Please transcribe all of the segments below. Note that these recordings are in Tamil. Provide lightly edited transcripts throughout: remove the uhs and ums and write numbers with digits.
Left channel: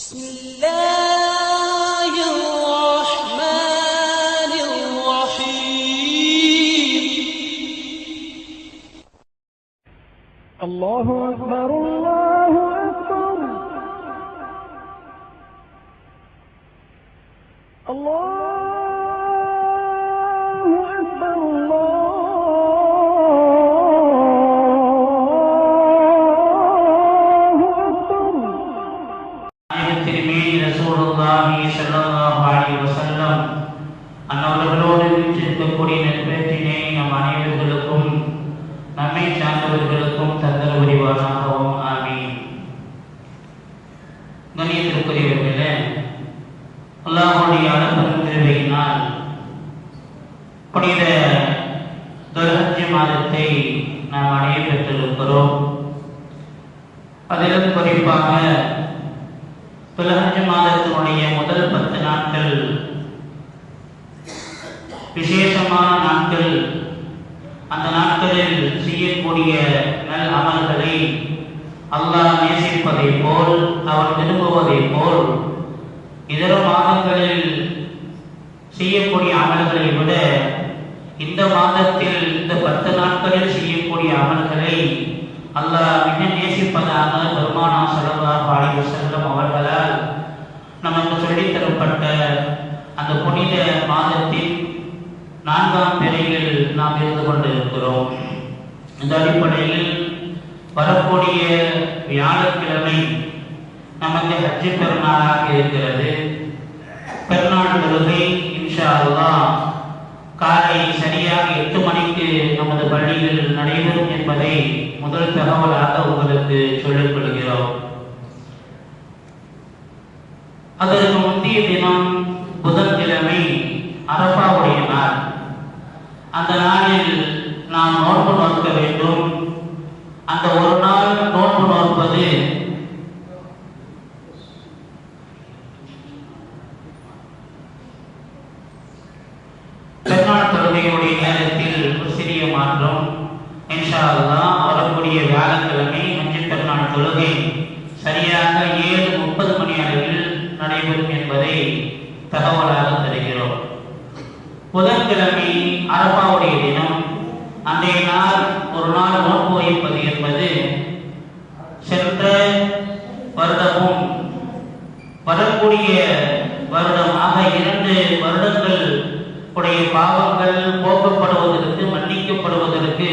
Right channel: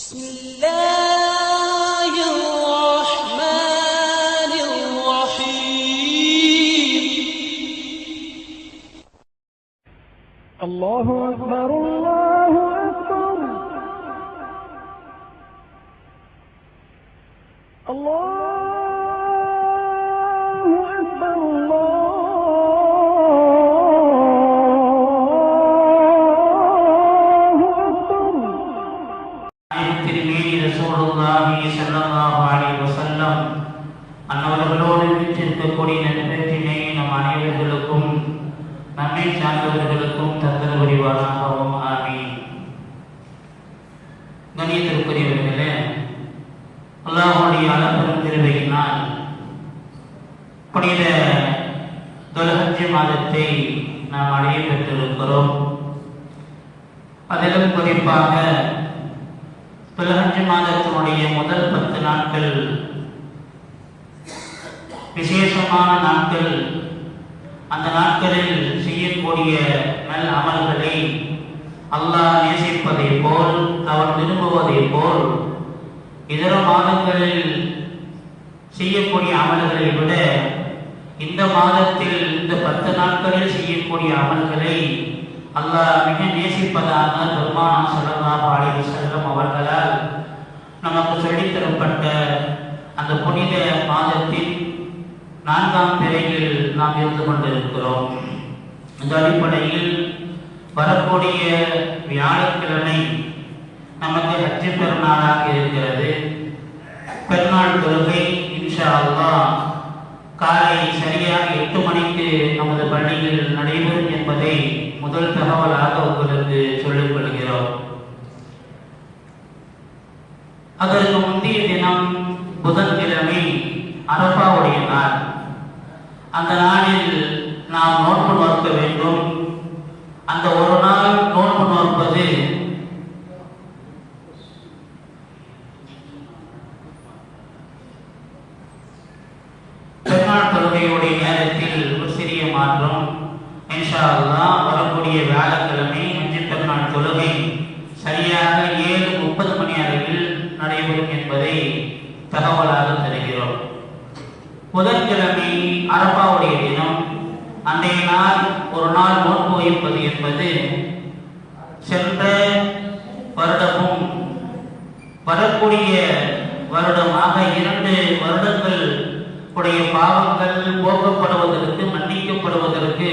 بسم الله الرحمن الرحيم الله أكبر الله أكبر الله أكبر الله أكبر. திருமேனி ரசூலுல்லாஹி ஸல்லல்லாஹு அலைஹி வஸல்லம் அன்னவர்களோடு வீற்றிருக்கக்கூடிய நட்பத்தினை நம் அனைவர்களுக்கும் நம்மை சார்ந்தவர்களுக்கும் தந்தல் புரிவானாகவும் ஆமீன். கண்ணியத்திற்குரியவர்களே, அல்லாஹ்வுடைய அளப்பெரும் கிருபையினால் புனித துல்ஹஜ் மாதத்தை நாம் அடைய பெற்றிருக்கிறோம். அதிலும் குறிப்பாக துல்ஹஜ் மாதத்தினுடைய முதல் 10 நாட்கள் விசேஷமான நாட்கள். அந்த நாட்களில் செய்யக்கூடிய நல் அமல்களை அல்லாஹ் நேசிப்பதை போல், அவர் விரும்புவதை போல் இதர மாதங்களில் செய்யக்கூடிய அமல்களை விட இந்த மாதத்தில் இந்த 10 நாட்களில் செய்யக்கூடிய அமல்களை அல்லாஹ் மிக நேசிப்பதாக பெருமானார் ஸல்லல்லாஹு அலைஹி வஸல்லம் அவர்களால் நமக்கு சொல்லித் தரப்பட்ட அந்த புனித மாதத்தின் 4ஆம் பிறையில் நாம் இருந்து கொண்டிருக்கிறோம். இந்த அடிப்படையில் வரக்கூடிய வியாழக்கிழமை நமக்கு ஹஜ் பெருநாளாக இருக்கிறது. பெருநாள் தொழுகை இன்ஷா அல்லாஹ் காலை சரியாக 8 மணிக்கு நமது பள்ளியில் நடைபெறும் என்பதை முதல் தகவலாக உங்களுக்கு சொல்லிக் கொள்கிறோம். அதற்கு முந்தைய தினம் புதன்கிழமை அரபாவுடைய நாள். அந்த நாளில் நாம் நோன்பு நோக்க வேண்டும். அந்த ஒரு நாள் நோன்பு நோற்பது பெருநாள் தொழுகையுடைய நேரத்தில் ஒரு சிறிய மாற்றம். இன்ஷா அல்லாஹ் வரக்கூடிய வியாழக்கிழமை ஹஜ் பெருநாள் தொழுகை சரியாக 7:30 மணி அளவில் நடைபெறும் என்பதை தகவலாக தருகிறோம். புதன்கிழமை அரபாவுடைய தினம். அன்றைய நாள் ஒரு நாள் நோன்பு வைப்பது என்பது சென்ற வருடமும் வரக்கூடிய வருடமாக 2 வருடங்கள் உடைய பாவங்கள் போக்கப்படுவதற்கு, மன்னிக்கப்படுவதற்கு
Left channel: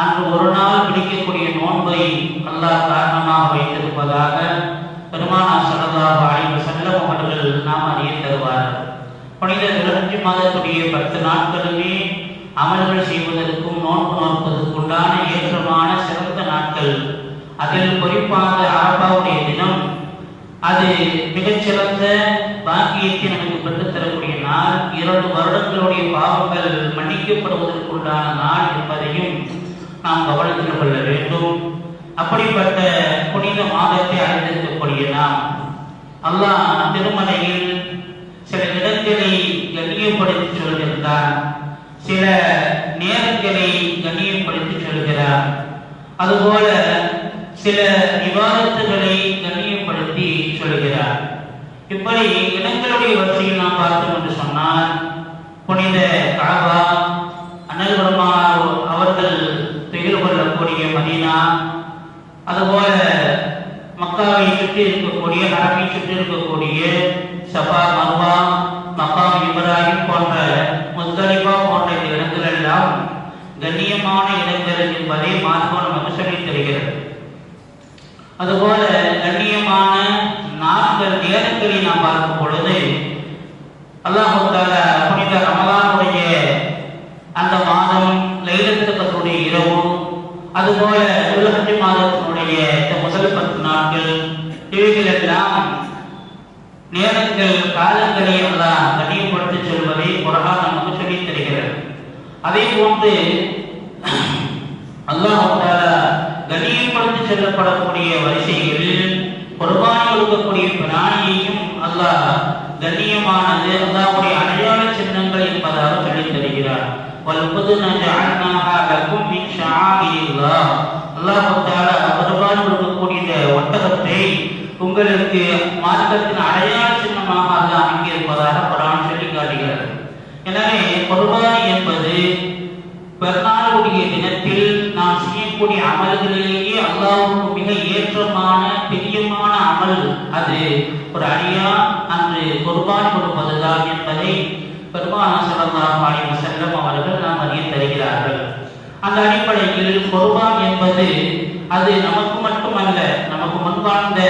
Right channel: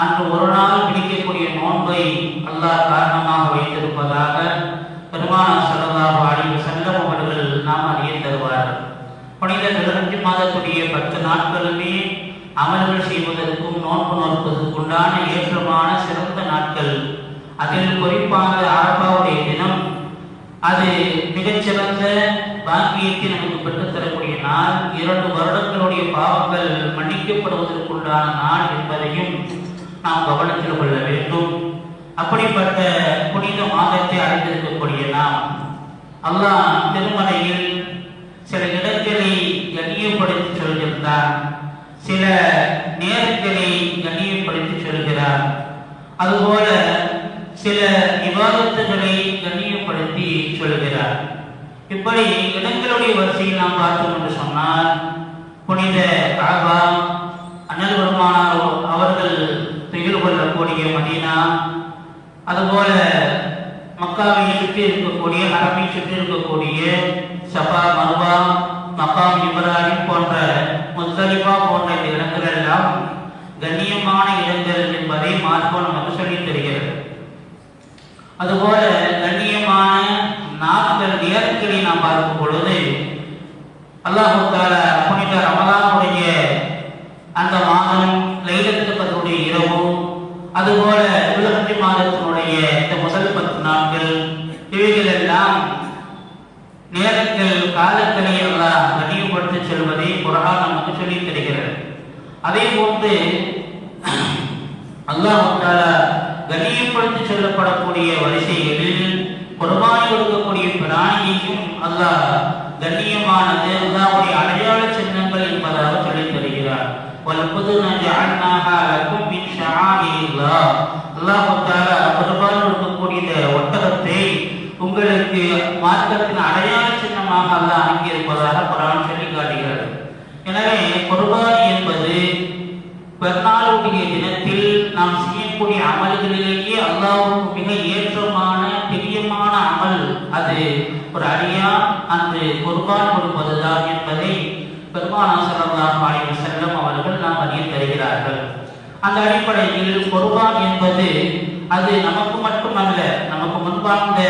அன்று ஒரு நாள் பிடிக்கக்கூடிய நோன்பை அல்லாஹ் காரணமாக வைத்திருப்பதாக பெருமானார் ஸல்லல்லாஹு அலைஹி வஸல்லம் அவர்கள் நாம் அறிய தருவார்கள். புனித துல்ஹஜ் மாதத்துடைய 10 நாட்களுமே அமல்கள் செய்வதற்கும் நோன்பு நோற்பதற்குண்டான ஏற்றமான சிறந்த நாட்கள். அதில் குறிப்பாக அரபாவுடைய தினம் அது மிகச்சிறந்த பாக்கியத்தை நமக்கு பெற்றுத்தரக்கூடிய நாள். 2 வருடங்களுடைய பாவங்கள் மன்னிக்கப்படுவதற்குண்டான நாள் என்பதையும் நாம் கவனத்தில் கொள்ள வேண்டும். அப்படிப்பட்ட புனித மாதத்தை அடைந்திருக்கக்கூடிய நாம் அல்லாஹ் திருமலையில் சில இடங்களை கண்ணியப்படுத்தி சொல்கின்றார், சில நேரங்களை கண்ணியப்படுத்தி சொல்கிறார். அதுபோல சில இபாதத்துகளை கண்ணியப்படுத்தி சொல்கிறார். இப்படி இடங்களுடைய வரிசையை நாம் பார்த்தோம் என்று சொன்னால் புனித காபா, அண்ணல் பெருமானார் அவர்கள் திகழ் கொள்ளக்கூடிய மதீனா, அதுபோல மக்காவை சுற்றி இருக்கக்கூடிய, ஹரமை சுற்றி இருக்கக்கூடிய சஃபா, மர்வா, மக்காம் இப்ராஹிம் போன்ற, முஸ்தலிஃபா போன்ற இடங்கள் எல்லாம் கண்ணியமான இடங்கள் என்பதை மார்க்கம் நமக்கு சொல்லித் தருகிறது. அதுபோல கண்ணியமான நாட்கள், நேரங்களை நாம் பார்க்கும் பொழுது அல்லாஹ் தஆலா புனித ரமலானுடைய அந்த மாதம், லைலத்துல் கத்ருடைய இரவு, அதுபோல துல்ஹஜ் மாதத்தினுடைய இந்த முதல் 10 நாட்கள், இவைகளெல்லாம் நேரங்கள், காலங்களை அல்லாஹ் கண்ணியப்படுத்தி சொல்வதை குர்ஆன் நமக்கு சொல்லித் தருகிறது. அதே போன்று அல்லாஹ் தஆலா கண்ணியப்படுத்தி சொல்லப்படக்கூடிய வரிசைகளில் குர்பானி கொடுக்கக்கூடிய பிராணியையும் அல்லாஹ் கண்ணியமானது, அல்லாஹ்வுடைய அடையாள சின்னங்கள் என்பதாக சொல்லித் தருகிறார். வல்புதுன ஜஅல்நாஹா லக்கும் மின் ஷஆஇரில்லாஹ். அல்லாஹ் தஆலா குர்பானி கொடுக்கக்கூடிய ஒட்டகத்தை உங்களுக்கு மார்க்கத்தின் அடையாள சின்னமாக அல்லாஹ் அங்கிருப்பதாக குர்ஆன் சொல்லி காட்டுகிறது. எனவே குர்பானி என்பது பெருநாளுடைய தினத்தில் நாம் செய்யக்கூடிய அமல்களிலேயே அல்லாஹ்வுக்கு மிக ஏற்றமான பிரியமான அமல் அது ஒரு அடியா அன்று குர்பான் கொடுப்பதுதான் என்பதை பெருமானார் ஸல்லல்லாஹு அலைஹி வஸல்லம் அவர்கள் நாம் அறிய தருகிறார்கள். அந்த அடிப்படையில் குர்பான் என்பது அது நமக்கு மட்டுமல்ல, நமக்கு முன்பார்ந்த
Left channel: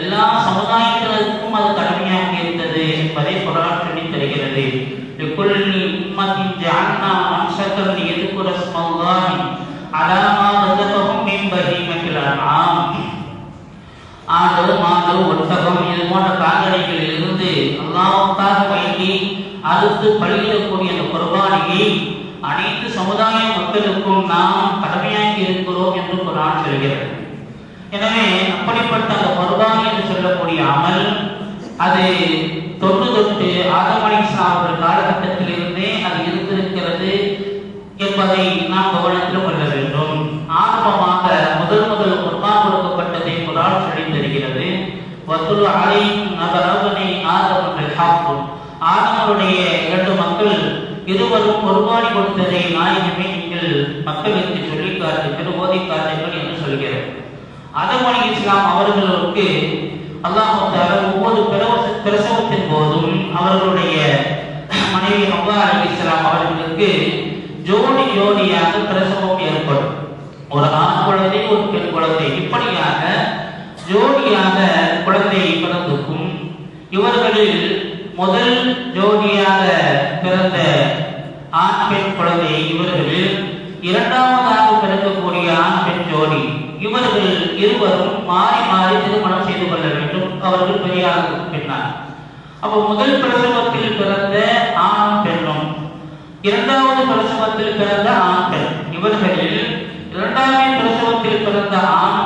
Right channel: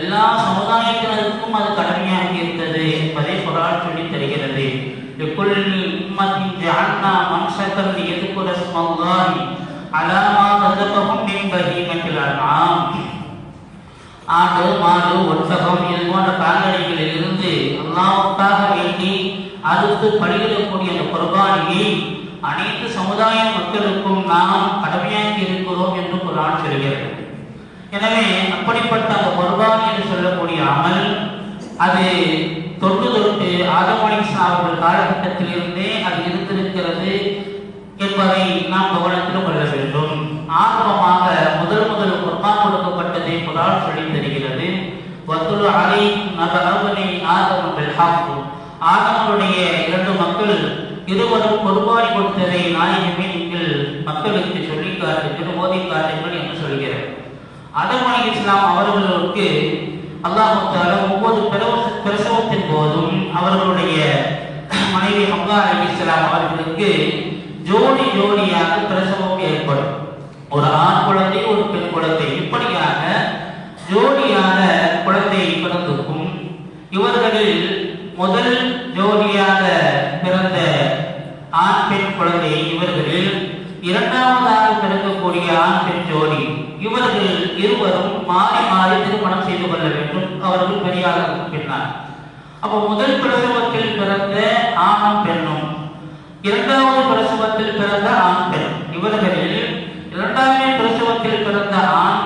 எல்லா சமுதாயத்தினருக்கும் அது கடமையாக இருந்தது என்பதை குர்ஆன் சொல்லி தருகிறது. லிக்குல்லி உம்மத்தின் ஜஅல்னா மன்ஸகன் லியذكر اسم الله على ما رزقهم من بهيمة الأنعام. ஆடு மாடு ஒட்டகம் இது போன்ற கால்நடைகளில் இருந்து அல்லாஹ்வுக்காக வேண்டி அறுத்து பலியிடக்கூடிய அந்த குர்பானியை அனைத்து சமுதாய மக்களுக்கும் நாம் கடமையாக்கி இருக்கிறோம் என்று குர்ஆன் சொல்கிறது. எனவே அப்படிப்பட்ட அந்த குர்பானி என்று சொல்லக்கூடிய அமல் அது தொட்டு ஆதம் அலைஹிஸ்ஸலாம் அவர்கள் காலகட்டத்தில் இருந்தே அது இருந்திருக்கிறது என்பதை நாம் கவனத்தில் கொள்ள வேண்டும். ஆரம்பமாக முதல் குர்பான் கொடுக்கப்பட்டதை குர்ஆன் சொல்லி தருகிறது. வத்துலு அலைஹிம் நபஅபனி ஆதம் பில் ஹக். ஆதமுடைய இரண்டு மக்கள் இருவரும் குர்பானி கொடுத்ததை நாயகமே நீங்கள் மக்களுக்கு சொல்லி காட்டு திருமோதி காட்டுங்கள் என்று சொல்கிறார். ஆதம் அலைஹிஸ்ஸலாம் அவர்களுக்கு அல்லாஹ் தஆலா ஒவ்வொரு பிரசவத்தின் போதும் அவர்களுடைய மனைவி ஹவ்வா அலைஹிஸ்ஸலாம் அவர்களுக்கு ஜோடியாக பிரசவம் ஏற்படும். ஒரு ஆண் குழந்தை ஒரு பெண் குழந்தை இப்படியாக ஜோடியாக குழந்தை பிறந்திருக்கும். இவர்களில் முதல் ஜோடியாக பிறந்த ஆண் பெண் குழந்தை இவர்களில் இரண்டாவதாக பிறக்கக்கூடிய ஆண் பெண் ஜோடி இவர்கள் இருவரும் மாறி மாறி திருமணம் செய்து கொள்ள வேண்டும். அவர்கள் பெரியாருக்கு பின்னால் அப்போ முதல் பிரசவத்தில் பிறந்த ஆணும் பெண்ணும் இரண்டாவது பிரசவத்தில் பிறந்த ஆண் பெண் இவர்களில் இரண்டாவது பிரசவத்தில் பிறந்த ஆண்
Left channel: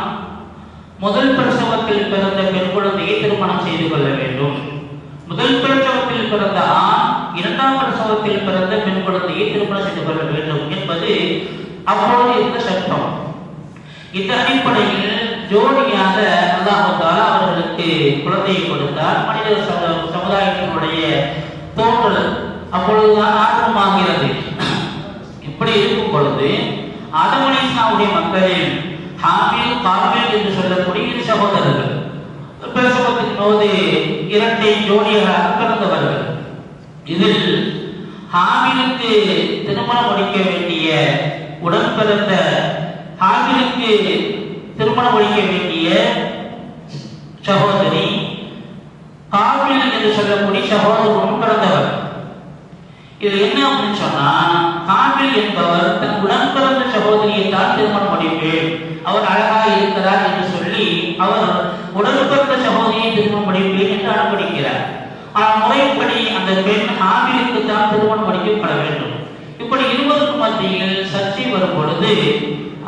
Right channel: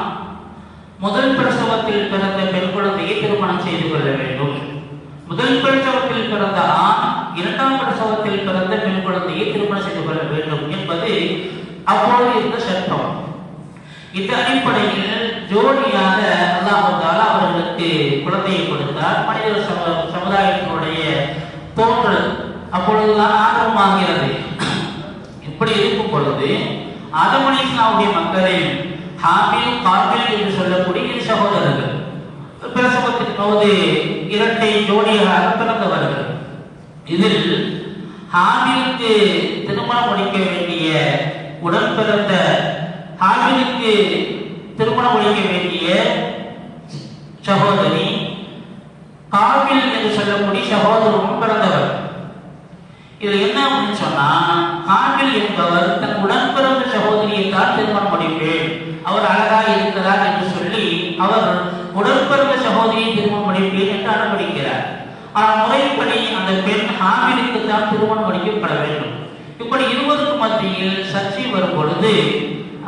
முதல் பிரசவத்தில் பிறந்த பெண் குழந்தையை திருமணம் செய்து கொள்ள வேண்டும். முதல் பிரசவத்தில் பிறந்த ஆண் இரண்டாம் பிரசவத்தில் பிறந்த பெண் குழந்தையை திருமணம் செய்து கொள்ள வேண்டும் என்பது அப்பொழுது இருந்த சட்டம். இந்த அடிப்படையில் ஜோடியாக அல்லாஹ் தஆலா அவர்களுக்கு குழந்தையை கொடுத்தார். மனித சமுதாயத்தினுடைய தோன்றல் அப்பொழுதுதான் ஆரம்பமாகிறது. இப்படி இருக்கும் பொழுது ஆதம் அலைஹிஸ்ஸலாமுடைய மக்களில் ஹாபில் காபில் என்று சொல்லக்கூடிய இரு சகோதரர்கள் பிரசவத்தின் போது இரட்டை ஜோடியாக பிறந்தவர்கள். இதில் ஹாபிலுக்கு திருமணம் முடிக்க வேண்டிய உடன் பிறந்த ஹாபிலுக்கு திருமணம் முடிக்க வேண்டிய சகோதரி காபில் என்று சொல்லக்கூடிய சகோதரரும் பிறந்தவர். இது என்ன அப்படின்னு சொன்னா, காபில் என்பவர் தன் உடன் பிறந்த சகோதரியை தான் திருமணம் முடிப்பேன், அவர் அழகா இருக்கிறார் என்று சொல்லி அவர் உடன் பிறந்த சகோதரியை திருமணம் முடிப்பேன் என்று அனுமதிக்கிறார். ஆனால் முறைப்படி அந்த பெண் ஹாபிலுக்கு தான் திருமணம் முடிக்கப்பட வேண்டும். இப்படி இருவருக்கும் மத்தியில் சர்ச்சை வரும் பொழுது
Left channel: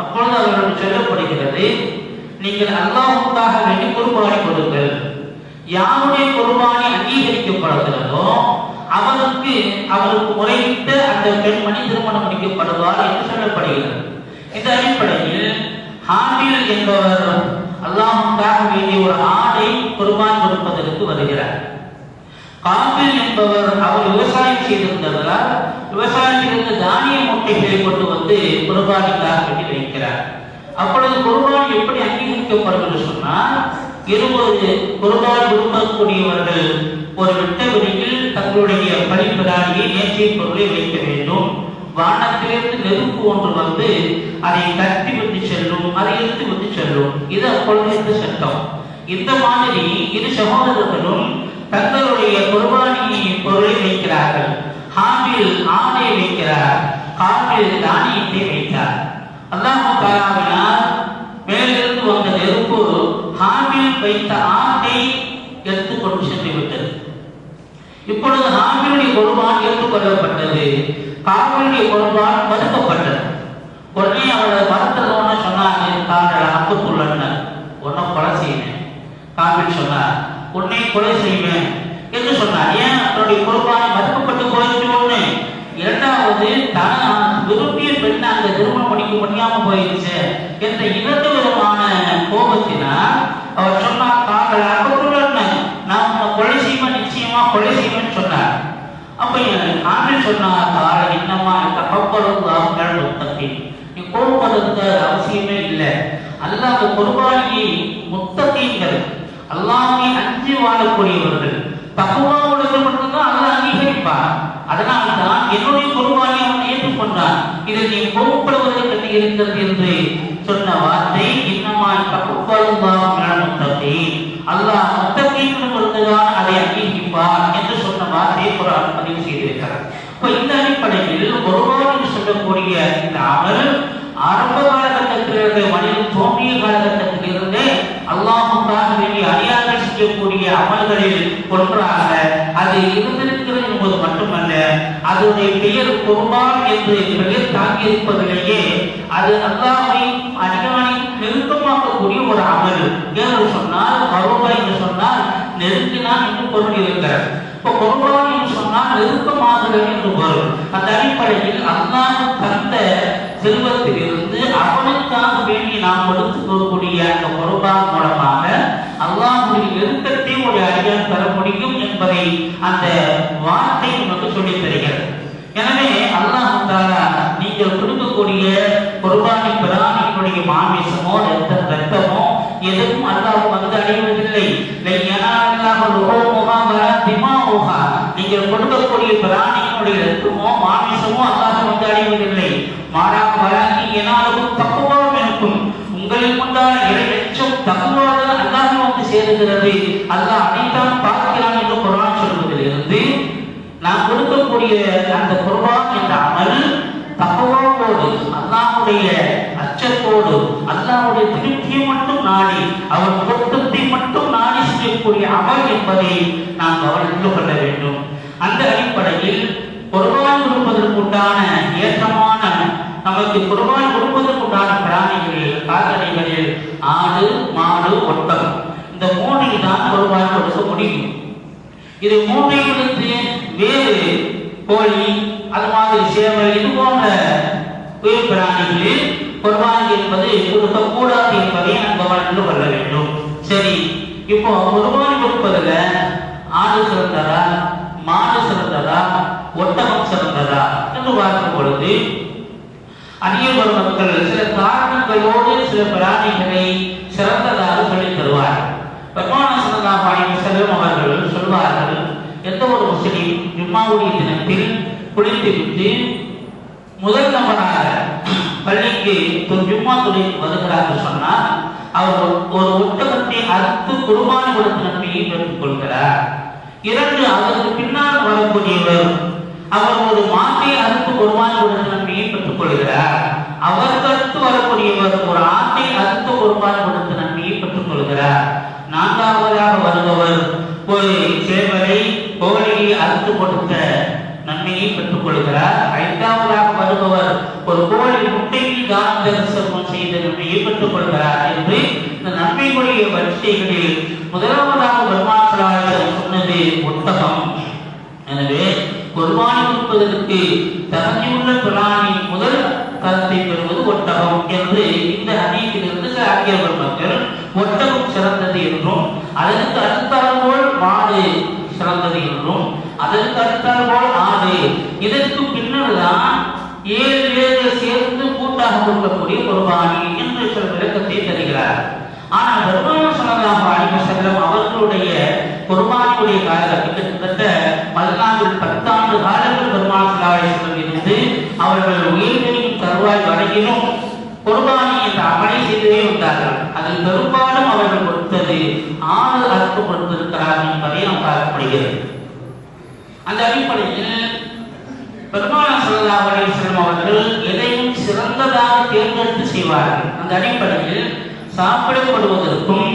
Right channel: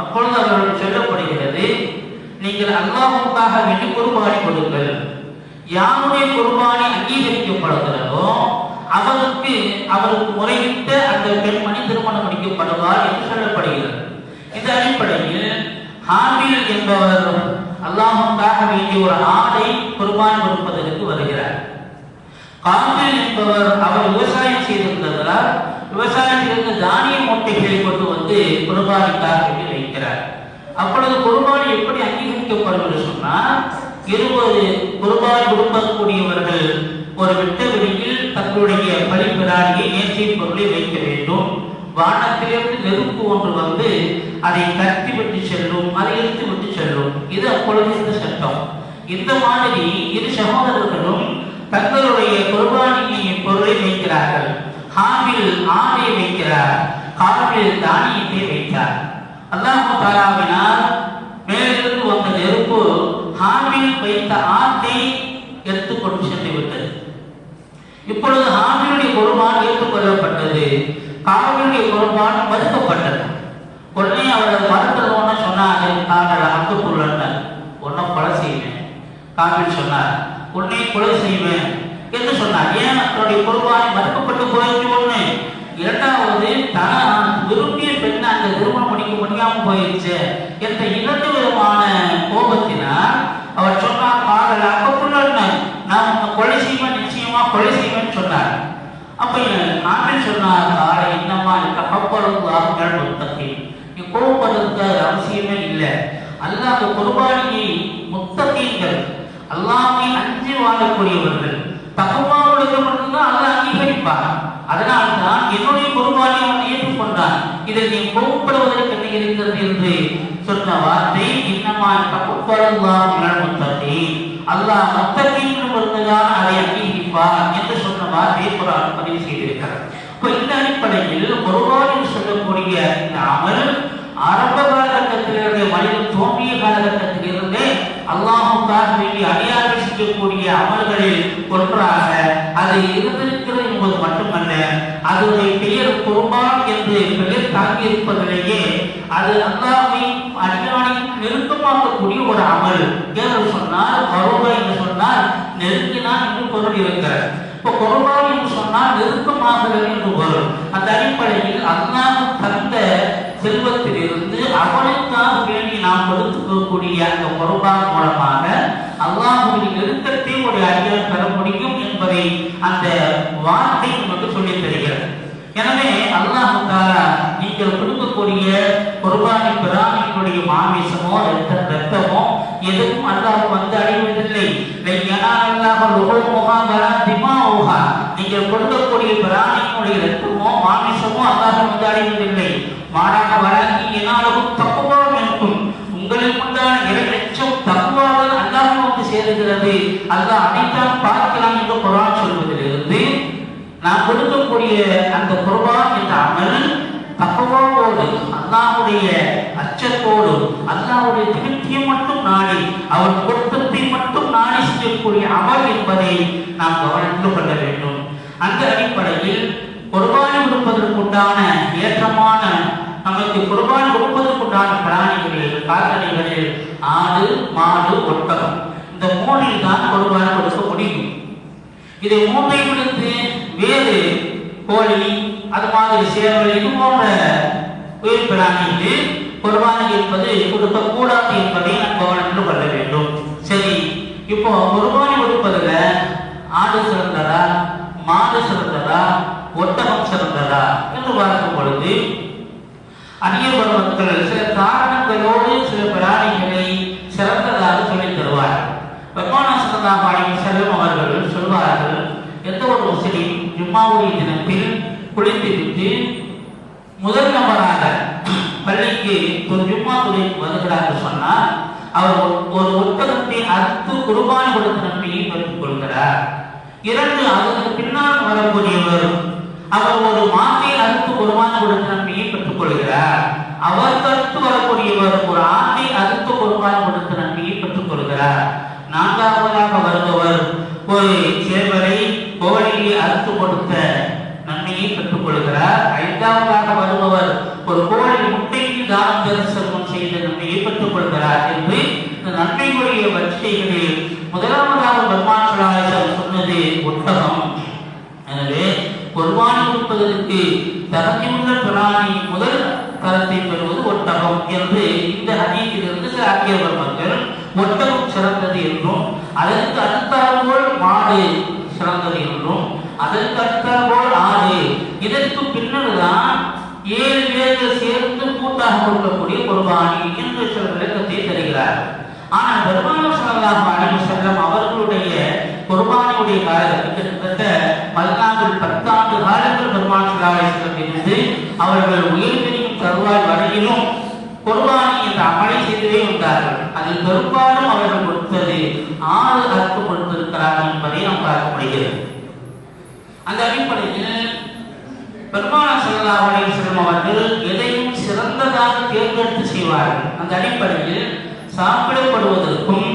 அப்பொழுது அவர்கள் சொல்லப்படுகிறது, நீங்கள் அல்லாஹ்வுக்காக வேண்டி குர்பானி கொடுங்கள். யாருடைய குர்பானி அங்கீகரிக்கப்படுகிறதோ அவருக்கு முறையிட்ட அந்த பெண்மணி திருமணம் முடிக்கப்படுவார் என்று சொல்லப்படுகிறது. இந்த அடிப்படையில் ஹாபில் என்பவர் அல்லாஹ்வுக்காக வேண்டிய ஒரு ஆடை குர்பான் கொடுப்பதற்கு வருகிறார். காபில் என்பவர் அவர் விவசாயம் செய்திருந்ததால் விவசாயத்திலிருந்து தானிய மூட்டைகளை கொண்டு வந்து குர்பானிக்காக வேண்டி வைக்கிறார். அப்பொழுது குர்பானி எப்படி அங்கீகரிக்கப்படும் என்று சொன்னால், இருபது குர்பானி கொடுக்கக்கூடியவர்கள் ஒரு விட்டவெளியில் தங்களுடைய பலிபிராணியை நேர்த்தி பொருளை வைக்க வேண்டும். வானத்திலிருந்து நெருப்பு ஒன்று வந்து அதை கட்டி விட்டு செல்லும், அதை எடுத்து விட்டு செல்லும். இது அப்பொழுது இந்த சட்டம். இந்த மாதிரி இரு சகோதரர்களும் தங்களுடைய குர்பானி பொருளை வைக்கிறார்கள். ஹாபில் ஆடை வைக்கிறார், காபில் தானியத்தை வைத்தார். அல்லாஹ் தஆலாவினால் மேலிருந்து வந்த நெருப்பு ஹாபில் வைத்த ஆட்டை எடுத்துக்கொண்டு சென்று விட்டது. இப்பொழுது ஹாபிலுடைய குர்பான் ஏற்றுக்கொள்ளப்பட்டது, காபிலுடைய குர்பான் மறுக்கப்பட்டது. உடனே அவரை மறுத்ததோன்னு சொன்னார், உன்னை கொலை செய்வேன். காபில் சொன்னார், உன்னை கொலை செய்வேன் என்று சொன்னார். ஏன் அவருடைய குர்பானி மறுக்கப்பட்டு போயிடுச்சு ஒண்ணு. இரண்டாவது தான் விரும்பிய பெண்ணை அந்த திருமணம் முடிக்க முடியாம போயிடுச்சு என்ற இரண்டு விதமான கோபத்தினால் அவர் சொன்னார், கால அப்பொழுது நான் உன்னை கொலை செய்வேன், நிச்சயமா கொலை செய்வேன்னு சொன்னார். அப்ப ஆண்டு சொன்னார், கால என்னமா தகப்பலுல்லாஹ் முத்தகி, நீ கோபப்படுறது அவசியமே இல்லை. அல்லாஹ் குர்பானியை முத்தகீன்கள், அல்லாஹ்வை அஞ்சி வாழக்கூடியவர்கள், தக்வா உள்ளவர்கள் மட்டும்தான் அல்லாஹ் அங்கீகரிப்பார். அதனால்தான் என்னுடைய குர்பானை அவன் ஏற்றுக்கொண்டான். இதை நீ கோபப்படுவதற்கு என்ன இருக்கிறது என்று சொன்ன வார்த்தை இன்னமா தகப்பலுல்லாஹ் முத்தகி, அல்லாஹ் முத்தகீன்கள் மட்டும்தான் அதை அங்கீகரிப்பார் என்று சொன்ன வார்த்தையை குர்ஆன் பதிவு செய்திருக்கிறார். இப்ப இந்த அடிப்படையில் குர்பான் சொல்லக்கூடிய இந்த அமல் ஆரம்ப காலகட்டத்திலிருந்தே, மனிதன் தோன்றிய காலகட்டத்திலிருந்தே அல்லாஹ்வுக்காக வேண்டிய அடியார்கள் செய்யக்கூடிய அமல்களில் ஒன்றாக அது இருந்திருக்கிறது என்பது மட்டுமல்ல, அதனுடைய பெயர் குர்பான் என்று பெயர் தாங்கி இருப்பதிலேயே அது அல்லாஹ்வை அதிகமாக நெருக்கமாக்கக்கூடிய ஒரு அமல் என்று சொன்னால், கருபா என்று சொன்னால் நெருங்கினான் என்று பொருள் இருக்கிறார். இப்போ குர்பான் என்று சொன்னால் நெருக்கமாகிறது என்று வரும். அந்த அடிப்படையில் அல்லாஹ் தந்த செல்வத்திலிருந்து அவனுக்காக வேண்டி நாம் கொடுக்கக்கூடிய அந்த குர்பான் மூலமாக அல்லாஹ்வுடைய நெருக்கத்தை ஒரு அடியான் பெற முடியும் என்பதை அந்த வார்த்தை நமக்கு சொல்லித் தருகிறது. எனவே அல்லாஹ் தஆலா நீங்கள் கொடுக்கக்கூடிய குர்பானி பிராணியினுடைய மாமிசமோ ரத்தமோ எதுவும் அல்லாஹ் வந்து அடைவதில்லை. நீங்கள் கொடுக்கக்கூடிய பிராணியினுடைய ரத்தமோ மாமிசமோ அல்லாஹ் வந்து அடைவதில்லை. மாறாக வராங்கி என்னாலும் தக்குவாவும் இருக்கும், உங்களில் உண்டான இறையச்சம் தக்குவாவில் அல்லாஹ் வந்து சேருகிறது. அல்லாஹ் அனைத்தெல்லாம் பார்க்கலாம் என்று குர்ஆன் சொல்வதிலிருந்து நான் கொடுக்கக்கூடிய அந்த குர்பான் என்ற அமல் தக்குவாவோடு, அல்லாஹ்வுடைய அச்சத்தோடு, அல்லாஹ்வுடைய திருப்தியை மட்டும் நாடி, அவன் பொருத்தத்தை மட்டும் நாடி செய்யக்கூடிய அமல் என்பதை நாம் கவனித்துக் கொள்ள வேண்டும். அந்த அடிப்படையில் குர்பான் கொடுப்பதற்குண்டான ஏற்றமான, நமக்கு குர்பான் கொடுப்பதற்குண்டான பிராணிகளில், கால்நடைகளில் ஆடு, மாடு, ஒட்டகம், இந்த மூன்றில் தான் குர்பான் கொடுக்க முடியும். இது மூன்றையிலிருந்து வேறு கோழி, அது மாதிரி சேவல், இது போன்ற உயிர் பிராணிகளில் குர்பான் என்பது கொடுக்கக்கூடாது என்பதை நாம் கவனித்துக் கொள்ள வேண்டும். சரி, இப்போ குர்பான் கொடுப்பதில் ஆடு சிறந்ததா, மாடு சிறந்ததா, ஒட்டகம் சிறந்ததா என்று பார்க்கும் பொழுது அந்நிய பெருமக்கள் சில காரணங்களோடு சில பிராணிகளை சிறந்ததாக சொல்லித் தருவார்கள். பெருமானார் ஸல்லல்லாஹு அலைஹி வஸல்லம் அவர்கள் சொல்வார்கள், எந்த ஒரு முஸ்லிம் ஜும்மாவுடைய தினத்தில் குளித்துவிட்டு முதல் நபராக பள்ளிக்கு ஒரு ஜும்மா தொழுகைக்கு வருகிறார்கள் சொன்னால், அவர் ஒரு ஒட்டகத்தை அறுத்து குர்பான் கொடுத்த நன்மையை பெற்றுக் கொள்கிறார். இரண்டு, அதற்கு பின்னால் வரக்கூடியவர் அவர் ஒரு மாட்டை அறுத்து குர்பான் கொடுத்த நன்மையை பெற்றுக் கொள்கிறார். அவருக்கு அடுத்து வரக்கூடியவர் ஒரு ஆட்டை அறுத்து குர்பான் கொடுத்த நன்மையை பெற்றுக் கொள்கிறார். நான்காவதாக வருபவர் ஒரு சேவலை, கோழியை அறுத்து கொடுத்த நன்மையை பெற்றுக் கொள்கிறார். ஐந்தாவதாக வருபவர் ஒரு கோழி முட்டையில் தானம் செய்த நன்மையை பெற்றுக் கொள்கிறார் என்று இந்த நன்மைகளுடைய வரிசைகளில் முதலாவதாக பெருமாள் சொன்னது ஒட்டகம். எனவே குர்பான் கொடுப்பதற்கு தகுதியுள்ள பிராணி முதல் தரத்தை பெறுவது ஒட்டகம் என்று இந்த ஹதீஸிலிருந்து சில அறிஞர்கள் மக்கள் ஒட்டகம் சிறந்தது என்றும், அதற்கு அடுத்தபோல் மாடு சிறந்தது என்றும், அதற்கு அடுத்தபோல் ஆடு, இதற்கு பின்னர் தான் 7 பேர்கள் சேர்ந்து கூட்டாக கொடுக்கக்கூடிய குர்பானி என்று சில விளக்கத்தை தருகிறார். ஆனால் பெருமானார் ஸல்லல்லாஹு அலைஹி வஸல்லம் அவர்களுடைய குர்பானியுடைய காலகட்டம் கிட்டத்தட்ட 10 ஆண்டு காலங்கள் பெருமானார் ஸல்லல்லாஹு அலைஹி வஸல்லம் இருந்து அவர்கள் உயிர் பிரியும் தருவாய் வரையிலும் குர்பானி என்ற அமலை செய்தே வந்தார்கள். அதில் பெரும்பாலும் அவர்கள் கொடுத்தது 6 அறுத்து கொடுத்திருக்கிறார்கள் என்பதை நாம் பார்க்கப்படுகிறது. அந்த அடிப்படையில் பெருமானார் ஸல்லல்லாஹு அலைஹி வஸல்லம் அவர்கள் எதையும் சிறந்ததாக தேர்ந்தெடுத்து செய்வார்கள். அந்த அடிப்படையில் சாப்பிடப்படுவதற்கும்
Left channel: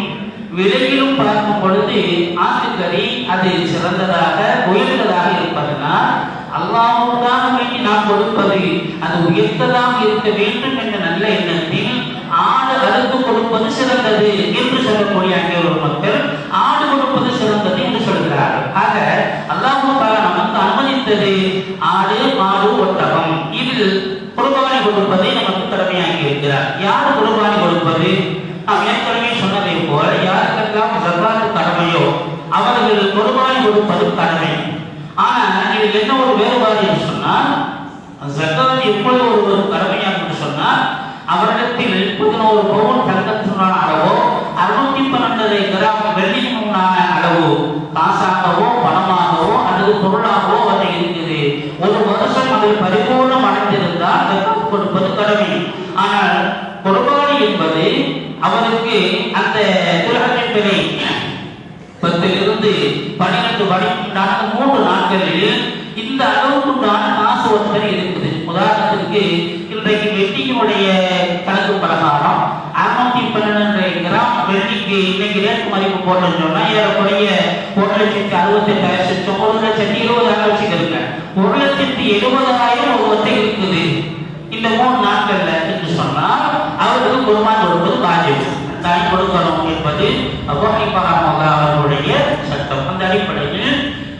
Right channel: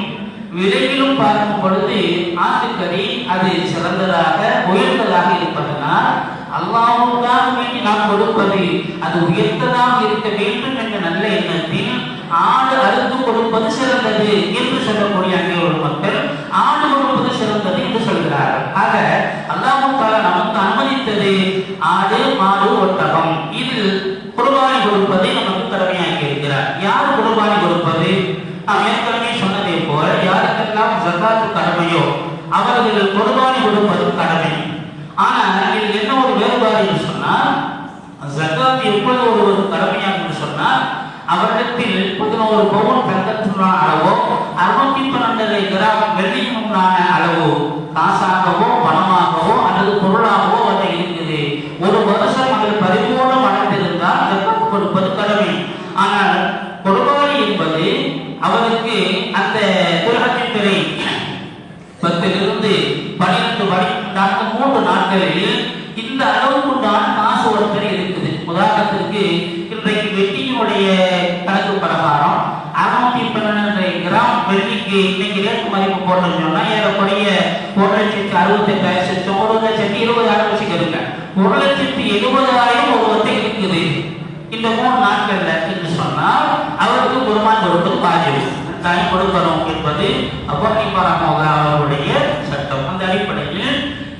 விலையிலும் பார்க்கும் பொழுது ஆட்டுக்கறி அது சிறந்ததாக உயர்ந்ததாக இருப்பதனால் அல்லாஹ்வுக்காக வேண்டி நாம் கொடுப்பது அது உயர்ந்ததாக இருக்க வேண்டும் என்ற நல்ல எண்ணத்தில் ஆடு அறுத்து கொடுப்பது சிறந்தது என்று சொல்லக்கூடிய அந்நியர் மக்கள் ஆடு கொடுப்பது சிறந்தது என்று சொல்கிறார்கள். ஆக அல்லாஹ் தஆலா நமக்கு அனுமதித்தது ஆடு, மாடு, ஒட்டகம், இதில் குர்பானி கொடுப்பதை நமக்கு கடமையாக்கி இருக்கிறார். யார் குர்பானி கொடுப்பது? நாம் ஏற்கனவே சொன்னதை போல யாருக்கெல்லாம் ஜகாத் அவர்கள் குர்பானி கொடுப்பது கடமை. ஆனால் இது என்ன ஒரு வேறுபாடு என்று சொன்னால், ஜக்காத் எப்பொழுது ஒரு கடமையாக என்று சொன்னால், அவரிடத்தில் 11 பவுன் தங்கத்தினுடைய அளவோ 612 கிராம் வெள்ளியினுமான அளவோ காசாகவோ பணமாகவோ அல்லது பொருளாகவோ அது இருக்குது. ஒரு வருஷம் அது பரிபூர்ணம் அடைந்திருந்தால் ஜக்காத் கொடுப்பது கடமை. ஆனால் குர்பானி என்பது அவருக்கு அந்த திரகத்தின் பிறை 10லிருந்து 12 வரைக்குண்டான 3 நாட்களில் இந்த அளவுக்குண்டான காசு ஒருத்தர் இருக்குது. உதாரணத்திற்கு இன்றைக்கு வெள்ளியினுடைய கணக்கு பிரகாரம் 612 கிராம் வெள்ளிக்கு இன்னைக்கு ரேட் மதிப்பு போட்டோம்னு சொன்னா ஏறக்குறைய 1,68,000 1,20,000 வச்சுக்கிறேன். 1,70,000 ஒருவத்தை இருக்குது. இந்த 3 நாட்கள்ல என்று சொன்னால் அவருக்கு குர்பான் கொடுப்பது வாஜிப், தாய் கொடுக்கணும் என்பது அபூ ஹனீஃபா அவர்களுடைய சட்டம். அந்த அடிப்படையில்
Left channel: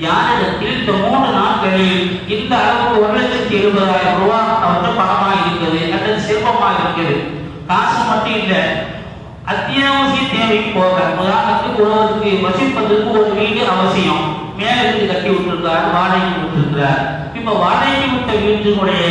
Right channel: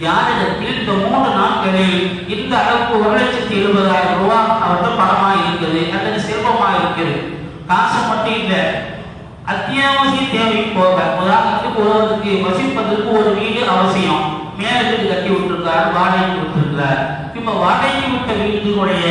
யாரிடத்தில் இந்த 3 நாட்களில் இந்த அளவுக்கு 1,70,000 ரூபாய் அவருக்கு பணமா இருக்குது அல்லது செல்வமா இருக்குது, காசு மட்டும் இல்லை, அத்தியாவசிய தேவை போக, உதாரணத்துக்கு ஒருவருக்கு வசிப்பதற்கு ஒரு வீடு அவசியம், மேல வீடு கட்டி விட்டுருக்காரு, வாடகைக்கு விட்டுருக்கிறார். இப்ப வாடகைக்கு விட்ட வீட்டுடைய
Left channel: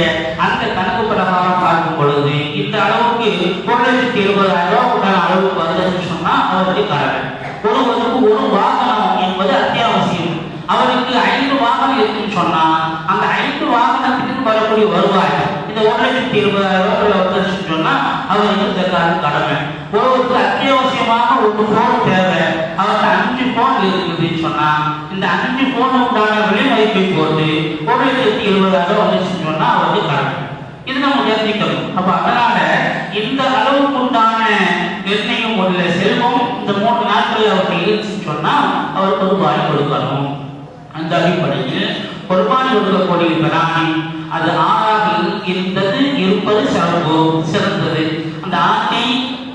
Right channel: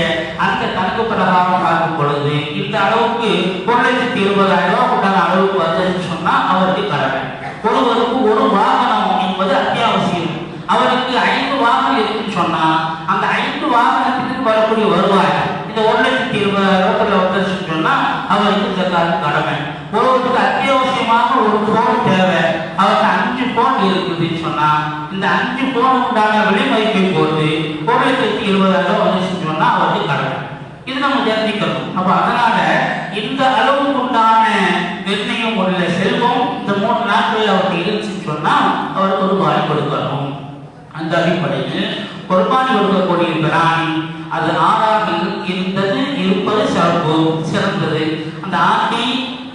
அந்த கணக்கு பிரகாரம் பார்க்கும் பொழுது இந்த அளவுக்கு 1,70,000 உண்டான அளவுக்கு வந்ததுன்னு சொன்னா அவருக்கு கடமை. ஒருவருக்கு ஒரு வாகனம் என்பது அத்தியாவசியம். அவருக்கு 5 வாகனம் இருக்குன்னு சொன்னா அந்த 5 வாகனத்துக்கு வரக்கூடிய வருவாய் இந்த 1,70,000 வந்துருச்சுன்னு சொன்னா அவருக்கு ஜக்காத் கடமை. ஒருவருக்கு அத்தியாவசியமான ஒரு போன் தேவை, அவருக்கு 5 போன் இருக்குதுன்னு சொன்னா இந்த 5 போன் உண்டான விலை மதிப்பை போட்டு 1,70,000 வந்துச்சுன்னு சொன்னா அவருக்கு கடமை. இது நம்ம தெரிஞ்சுக்கணும். அப்ப அதனால இந்த அளவுக்கு உண்டான நிர்ணயம் உள்ள செல்வம் இந்த 3 நாட்கள் அவருக்கு இருந்துச்சுன்னு சொன்னா அவர் குர்பானி கொடுக்கணும். அந்த அடிப்படையில் குர்பானி கொடுக்கக்கூடிய பிராணி அது ஆறாக இருப்பது சிறந்தது. அந்த ஆட்டை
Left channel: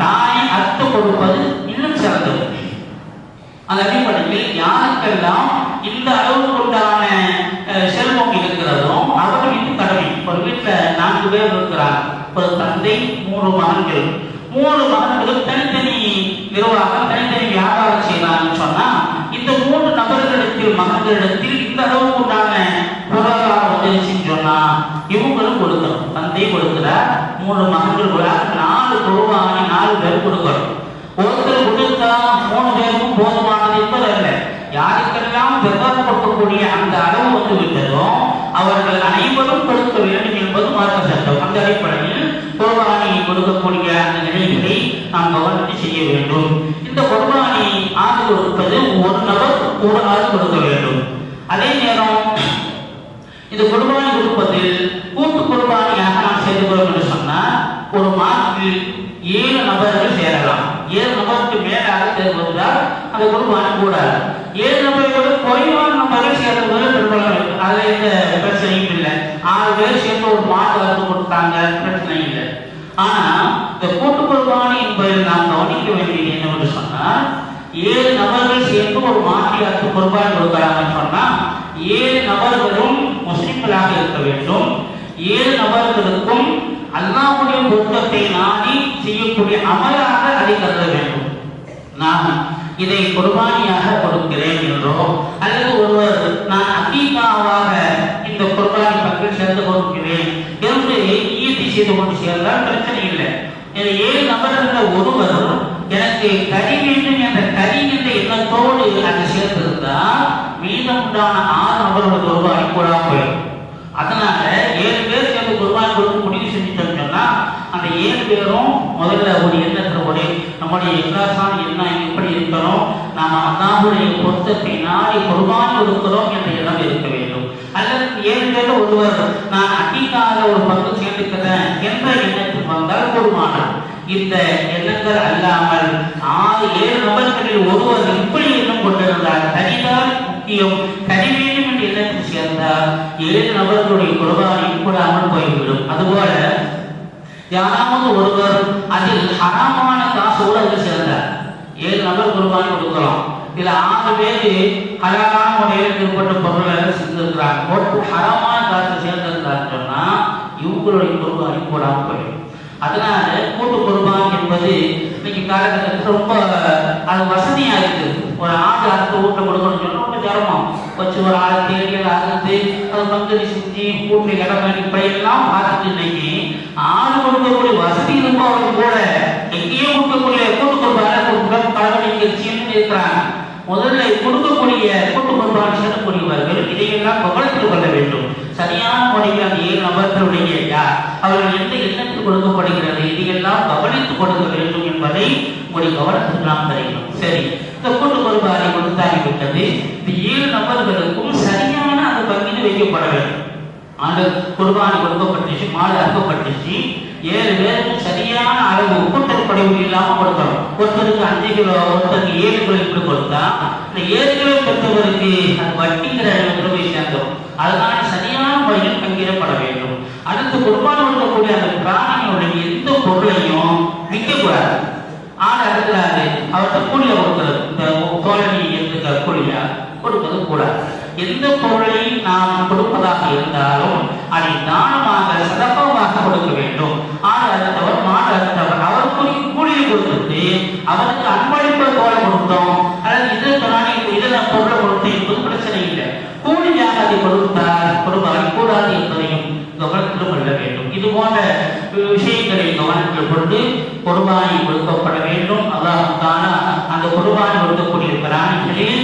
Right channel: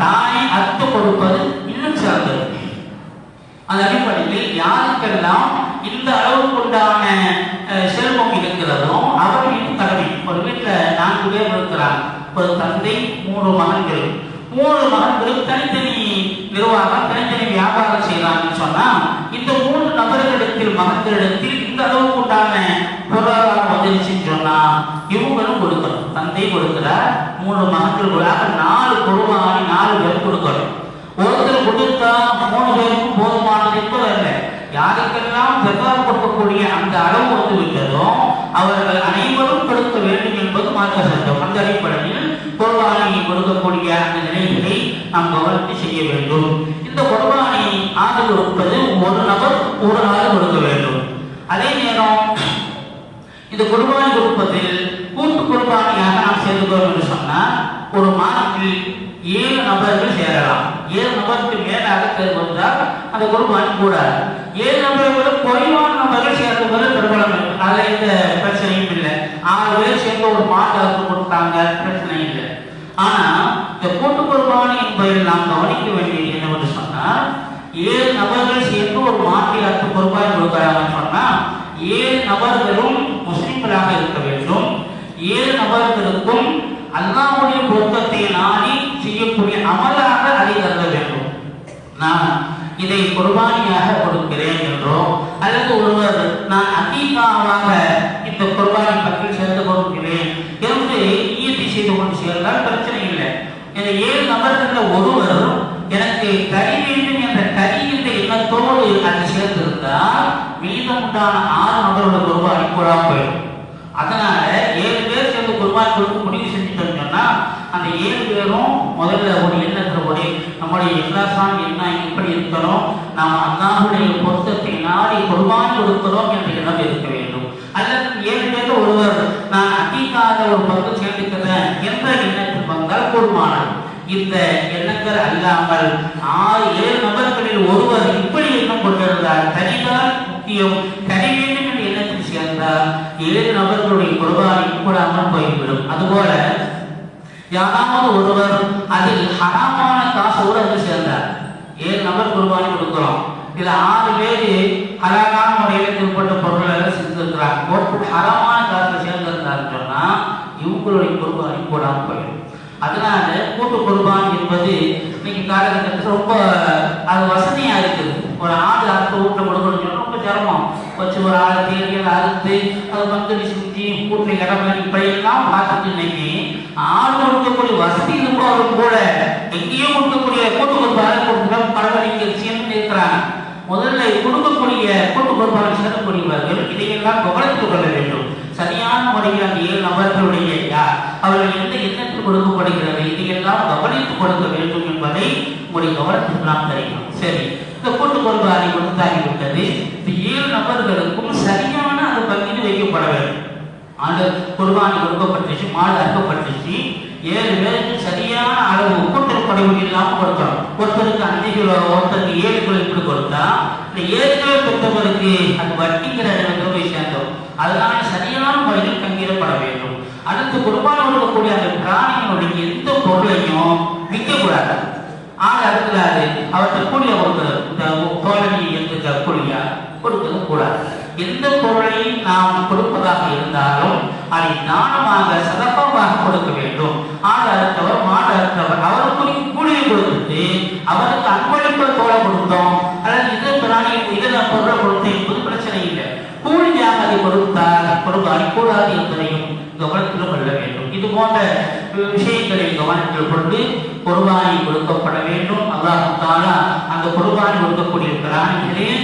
தானே அறுத்து கொடுப்பது இன்னும் சிறந்தது. அந்த அடிப்படையில் யாருக்கெல்லாம் இந்த அளவுக்கு உண்டான செல்வம் இருக்கிறதோ அவர்கள் இது கடமை. ஒரு வீட்டில் 4 பேர் இருக்கிறார், ஒரு தந்தை 3 மகன்கள். 3 மகன்களும் தனித்தனி நிர்வாகம், தனித்தனி வியாபாரம் செய்யலாம்னு சொன்னா இந்த 3 நபர்களிடத்தில் மகன்களிடத்தில் இந்த அளவுக்கு உண்டான பொருளாதாரம் வந்துருச்சுன்னு சொன்னா இவங்களும் கொடுக்கணும். தந்தை கொடுக்கிறார், 3 மகன்களுக்காக 4 குர்பானி 4 பேர் கொடுக்கணும். ஒருத்தர் கொடுத்தா 3 பேருக்கும் போதுமானது என்பது அல்ல. யாருக்கெல்லாம் ஜக்காத் கொடுக்கக்கூடிய அந்த அளவு வந்து விட்டதோ அவர்கள் அனைவரும் கொடுக்க வேண்டும் என்பது மார்க்க சட்டம். அந்த அடிப்படையில் குர்பானி கொடுக்கக்கூடிய அந்த நிலைகளை நாம் கவனித்து செய்ய வேண்டும். இந்த குர்பானி ஆடு கொடுப்பது ஒரு நபர் ஒரு ஆள் கொடுக்க வேண்டும். அதே நேரம் இந்த குர்பானி கொடுப்பதில் கூட்டு குர்பானியாக நாம் செய்துள்ளோம் என்று சொன்னால் ஒரு மாதத்தில் 7 நபர்கள் சேரலாம். 7 நபருக்கு மேலாக சேர்ந்தால் அந்த குர்பானி கூடாது. 7 நபர்களும் குறைவான நபர்கள் சேர்ந்தவர்கள் பெரும்பாலும் அதில் எந்த பிரச்சனையும் இல்லை. 6 பேர் சேர்ந்து ஒரு மாதம் கொடுத்தாங்க, பிரச்சனை இல்லை. ஆனா இந்த கூட்டு குர்பானி என்பதில் நாம் கவனிக்க வேண்டியது என்னவென்று சொன்னால் 7 நபர்கள் சேர்ந்து ஒரு மாட்டிற்கு குர்பானி கொடுக்கிறாங்கன்னு சொன்னா 7 நபர்களும் முஸ்லிம்களாக இருக்க வேண்டும். 7 நபர்களுக்கும் அல்லாஹ்வுடைய பொருத்தத்தை நாடி செய்யக்கூடிய அமலாக அதை கருத வேண்டும். நான் இதை குர்பானியாக கொடுக்கிறேன் என்றோ அல்லது ஒருவர் நான் அகீகாவாக இந்த குர்பானி பக்கம் சேர்ந்து கொடுக்கிறேன் என்று ஈட்டி செய்து கொண்டு சேர்ந்தால் பிரச்சனை இல்லை. இந்த 7 நபர்கள் ஒருவர் எனக்கு கறி வேண்டும் என்ற கறி என்ற எண்ணத்தோடு அதை சேர்ந்திருந்தால் மீதம் உண்டான 6 நபர்கள் குர்பானி கூடாம போயிடும். அதனால 7 பேர் சேர்ந்து குர்பானி கொடுக்க முடிவு செஞ்சுட்டோம் சொன்னா அந்த 7 பேரும் முதல்ல ஒரு எண்ணத்தோடு நம்முடைய இஸ்லாமான எண்ணம் எப்படி இருக்கணும், நாம் அல்லாஹ்வுடைய பொருத்தத்தை நாடி குர்பானி கொடுக்கிறோம் என்ற எண்ணம் இருக்க வேண்டும். அல்லது 7 பேர் ஒருவர் நான் அகீகாக ஒரு பங்கு சேர்த்துக்கிறேன் என்ற எண்ணத்தில் வந்தால் போதுமானது. இந்த எண்ணங்கள் அல்லாமல் 7 நபர்களில் ஒருவர் இப்படி எண்ணம் கொண்டிருந்தால் கரிதான் முக்கியம், கரி வேண்டும் என்ற எண்ணத்தில் சேர்ந்தால் 7 நபர்களுடைய குர்பானி கூடாமல் போய்விடும். அதுபோல யாராவது ஒருவர் அதில் ஹராமான காசோடு அவர் சேர்ந்தார், 7 நபர் குர்பானி கொடுக்கலாம், இதுல 6 பேர் ஹலாலான முறையில் ஏற்பட்ட பொருளை செஞ்சிருக்கிறாங்க, ஒரு ஹராமான காசை சேர்ந்திருந்தார் சொன்னா இவங்களுடைய குர்பானி கூடாமல் போயிடும். அதனால கூட்டு குர்பான் என்பது இன்னைக்கு காலகட்டத்தில் ரொம்ப அது வசதியா இருக்குது. ஒரு ஒரு ஆடு அறுத்து வீட்டில் கொடுக்கணும்னு சொன்னா ரொம்ப சிரமம். வச்சு ஒரு ஆளை தேடி அறுத்து அதை பங்கடி செஞ்சு வீட்டில் கடமை இப்படியெல்லாம் பார்த்துட்டு இன்னைக்கு ஆடு கொடுக்கக்கூடிய வசதி இருப்பவர்கள் கூட எங்கேயோ கொடுக்கக்கூடிய கூட்டு கொடுப்பாரு பரவாயில்லை இருக்கிறாங்க. முதல்ல கொடுக்கக்கூடிய கூட்டு பொறுப்பாளர் சேர்க்கக்கூடியவர்கள் இதையெல்லாம் கவனத்தில் கொள்ள வேண்டும். சரியான முறையில் அந்த 7 நபர்களுடைய அவர்கள் எந்த எண்ணத்தில் கொடுக்கப்படுகிறது இதையெல்லாம் கவனித்துக் கொடுக்க வேண்டும் என்பதை உங்களுடைய கவனத்தில் நாம் தருகிறோம். சரி, இந்த கூட்டு பொறுப்பாளரை கொடுத்தாகிவிட்டது. இந்த 7 நபர்களுக்கும் சரியான அந்த பங்கிட்டு வைக்கப்பட வேண்டும். அந்த குர்பானி கொடுக்கப்பட்டுச்சு, மாடு அறுக்கப்பட்டுச்சு, 7 பேருக்கும் சரியான அளவு கூட்டல் குறைவு இல்லாமல் கொடுக்கணும். ஒருத்தருக்கு 5 கிலோ, ஒருத்தருக்கு 7 கிலோ என்று கொடுத்தா இந்த 7 கிலோ பெற்றவருக்கு அது வட்டிங்கிற போய் சேர்ந்தோம். அதனால சரியான முறையில் பங்கிடப்பட வேண்டும். அடுத்து குர்பானி கொடுக்கக்கூடிய அந்த பிராணிகளுடைய எந்த பொருளையும் விற்கக்கூடாது. ஆடு அடுக்கிறாரு அவர்கிட்ட கூலிய கொடுக்கிறது, இந்த தோழனி என்று கூலியா கொடுப்பது கூடாது. எந்த பொருளை நாம் கொடுப்பதாக இருந்தாலும் அதை தானமாக சதப்பமாக கொடுக்க வேண்டும். ஆடு அறுத்தவர், மாடு அறுத்தவர் அவருக்குரிய கூலியை கொடுத்துட்டு அவருக்கு அன்பளிப்பு தோலை கொடுத்தோம் அல்லது இது பிராணி இதை பொருளை கொடுத்தோம் என்பது பிரச்சனை இல்லை. கூலியாக அதை கொடுத்தால் கொடுப்பாரி கூடாது என்பதையும் கவனத்தில் கொள்ள வேண்டும். இது போன்ற விஷயங்களை கவனத்தில் கொண்டு குர்பானி கொடுக்கப்பட வேண்டும். அல்லாஹ் தஆலா அந்த குர்பானி கொடுக்கக்கூடிய பிராணிகளில்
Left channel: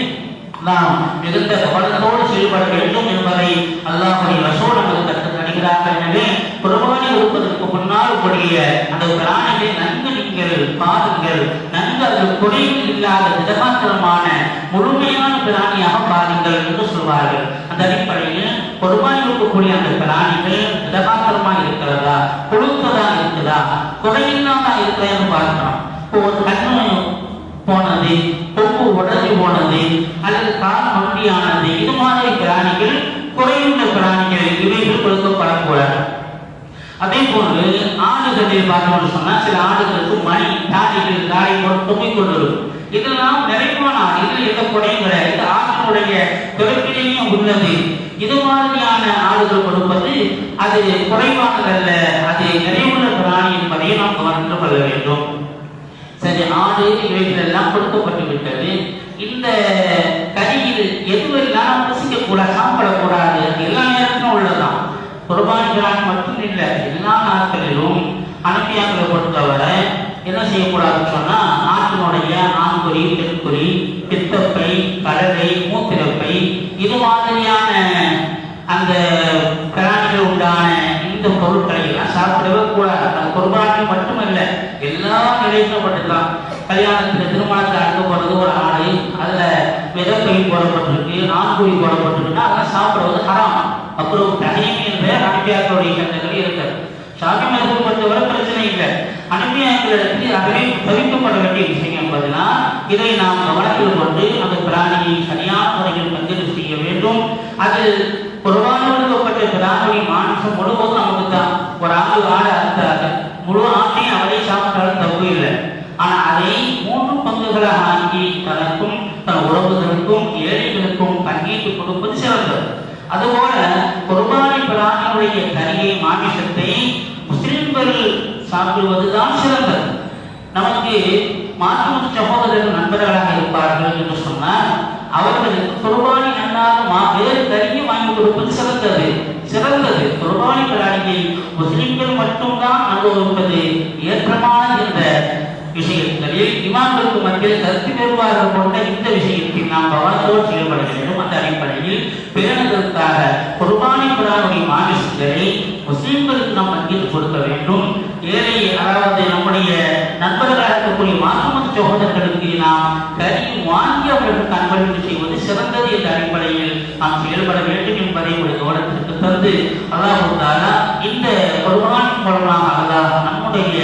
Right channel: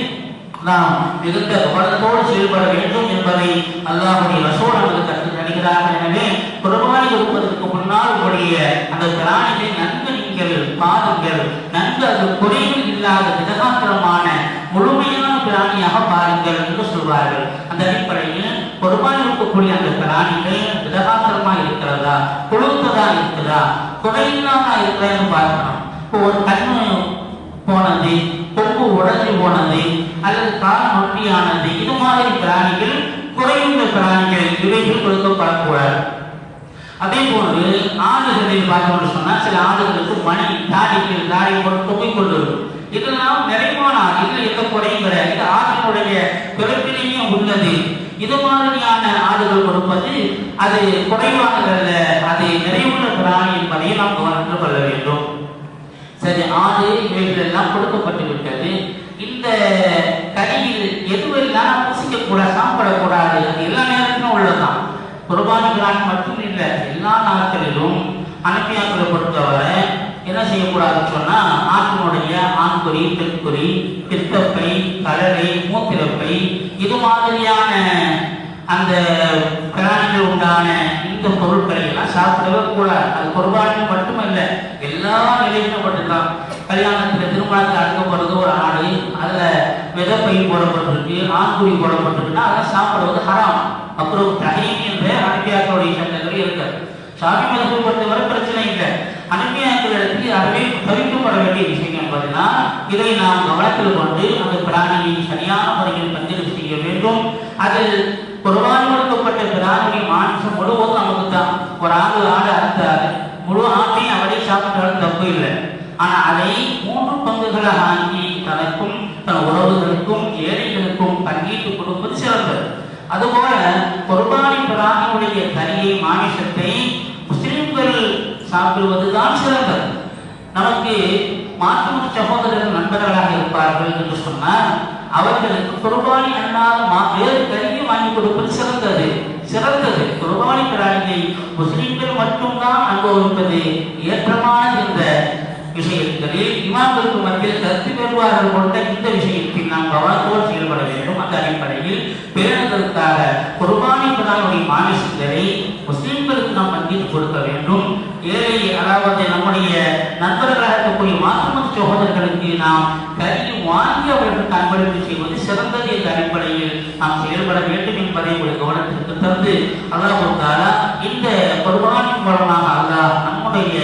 நாம் மிகுந்த கவனத்தோடு செயல்பட வேண்டும் என்பதை அல்லாஹ்வுடைய ரசூல் நமக்கு கற்றுத் தருகிறார்கள். எனவே குர்பானி கொடுப்பதற்கு முன்னால் உங்களுடைய அந்த பிராணிகளை நன்கு நீங்கள் பாருங்கள். நன்கு அது குறைகள் இல்லாத திடகாத்திரமான முழுமையான பிராணியாக பாருங்கள் என்று சொல்வார்கள். அந்த அடிப்படையில் குர்பானி கொடுக்கக்கூடிய அந்த பிராணிகள் திடகாத்திரமாக இருக்கிறதா, கொழுத்ததா இருக்குதா, குறையில்லாம இருக்கிறான்னு பார்க்கணும். இப்போ ஒரு கண்ணு போனது, கொம்பு உடஞ்சி போனது அல்லது கால் நொண்டியானது, இது மாதிரி பிராணிகள், குறையுள்ள பிராணிகள் இவைகள் கொடுக்கப்படக்கூடாது. அதே போன்று ஆடுகளில் பார்த்தோம்னு சொன்னா சில ஆடுகளுக்கு மணி தாடிகள் தாடி போட்டு தொங்கிக் கொண்டிருக்கும். இதெல்லாம் நிறைவான இதில் எந்த குறையும் கிடையாது. இது ஆட்டினுடைய பிறப்பிலேயே உள்ளது. இது மாதிரியான ஆடுகள் கொடுப்பது அது குறைவானதல்ல, அது நிறைவுள்ள பிராணி என்பதை நாம் கவனத்தில் கொள்ள வேண்டும். சரி, ஆடு இவைகள் எல்லாம் கொடுக்கப்பட்டு விட்டது. இந்த கறியில் எதுவெல்லாம் ருசிக்கக்கூடாது, சாப்பிடக்கூடாது, அது எல்லா நேரத்திலும் உள்ளதான். குர்பானி பிராணி மட்டும் இல்லை, எல்லா நாட்களிலும் அனுப்பியாக்களை பொறுத்தவரை என்ன செய்யக்கூடாதுன்னு சொன்னா ஆட்டினுடைய ஆண்குறி, பெண்குறி, பித்தப்பை, கடலை, மூத்திரப்பை இது மாதிரியான அந்த பிராணிகள் உண்டான இந்த பொருட்களை எல்லாம் சாப்பிடவே கூடாது. அது குர்பானி மட்டுமல்ல, எல்லா நிலையிலும் பட்டுக்கலாம். கல்யாணத்துல திருமணத்தில் அனுப்பப்படுறது ஒரு ஆடு, அதுல மிதப்பை போடப்பட்டிருக்கு, ஆண்குறி போடப்பட்டிருக்குன்னா அதெல்லாம் சாப்பிடுவது ஹராம். அப்புறம் தகைமை என்ற அனுப்பியாக்களுடைய சட்டங்கள் இருக்கிறது. சாமி மதத்தை பொறுத்தவரை பிரச்சனை இல்லை. அனுப்பியாக்களிடத்தில் அதுவே தவிர்க்கப்பட வேண்டிய விஷயம் என்பதுனா இதை நாம் கவனத்தில் கொண்டு அந்த பிராணியை சரியான முறையில் பங்கிடு செய்ய வேண்டும். அது குர்பானி கொடுக்கப்பட்ட பிராணியை மாற்றம் முழுவதும் நமக்கு தான். ஒரு ஆடு அறுத்தாது, முழு ஆட்டையும் அவரை சாப்பிட்டாலும் தப்பு இல்லை. ஆனா அதை 3 பங்குகளாக ஆக்கி தனக்கும் தன் உறவுகளுக்கும் ஏழைகளுக்கும் பங்கீட்டு கொடுப்பது சிறந்தது. அதுபோல குர்பானி பிராணியுடைய கறியை, மாமிசத்தை முஸ்லிம்கள் சாப்பிடுவதுதான் சிறந்தது. நமக்கு மாற்று சகோதரர்கள் நண்பர்களாக இருப்பார்கள் என்று சொன்னால் அவர்களுக்கு குர்பானி அல்லாத வேறு கறியை வாங்கி கொடுப்பது சிறந்தது. குர்பானி பிராணியை முஸ்லிம்கள் மட்டும்தான் அனுபவிப்பது ஏற்றமானது என்ற விஷயங்களில் இமாம்களுக்கு மத்தியில் கருத்து வேறுபாடுகள் கொண்ட இந்த விஷயத்தில் நாம் கவனத்தோடு செயல்பட வேண்டும். அந்த அடிப்படையில் பேணுதலுக்காக குர்பானி பிராணியுடைய மாமிசங்களை முஸ்லிம்களுக்கு நாம் பங்கிட்டு கொடுக்க வேண்டும். ஏழை அதாவது நம்முடைய நண்பர்களாக இருக்கக்கூடிய மாற்றுமத சகோதரர்களுக்கு நாம் கறி வாங்கி அவர்களுக்கு அன்பளிப்பு செய்வது சிறந்தது என்ற அடிப்படையில் நாம் செயல்பட வேண்டும் என்பதை ஒரு கவனத்திற்கு தந்து அல்லாஹ் தஆலா இந்த குர்பானி மூலமாக அல்லாஹ் நம்முடைய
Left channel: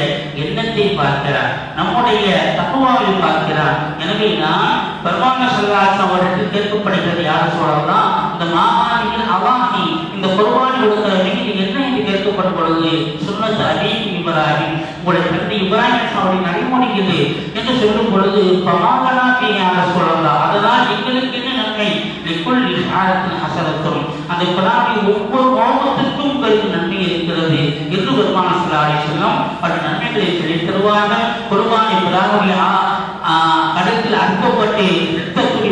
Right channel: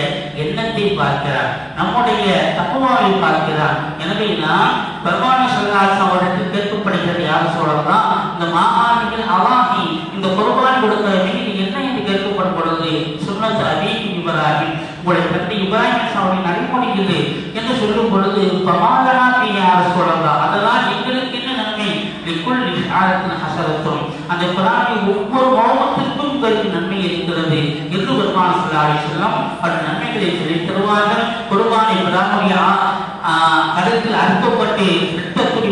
எண்ணத்தை பார்க்கிறார், நம்முடைய தக்வாவை பார்க்கிறார். எனவே நான் பெருமானார் ஸல்லல்லாஹு அலைஹி வஸல்லம் அவர்களுக்கு கேட்கப்படுகிறது, யார் சொல்லலாம் இந்த மாஹானிகள் அவாஹி இந்த குர்பானி கொடுக்கிற நீங்க என்ன என்று கேட்கப்படும் பொழுது சுன்னத் அபீஹி இப்ராஹிம், உங்களுடைய தந்தை இப்ராஹிம் அவருடைய நடைமுறை இது என்று சொல்லும் பொழுது பாலாபி யார் சொல்லலாம், அதனால் எங்களுக்கு என்ன நன்மை, லிக்குல் இஷாரத்தின் ஹஸரத்தும் அந்த குர்ஆனை ஒவ்வொரு கோபத்திற்கும் உங்களுக்கு நன்மை இருக்கிறது என்று பெருமானார் ஸல்லல்லாஹு அலைஹி வஸல்லம் அந்த நன்மைகளை சொல்லித் தருவார்கள். குர்பானி பிராணியுடைய கழுத்தில் அறுக்கப்பட்டு இரத்தத்தில்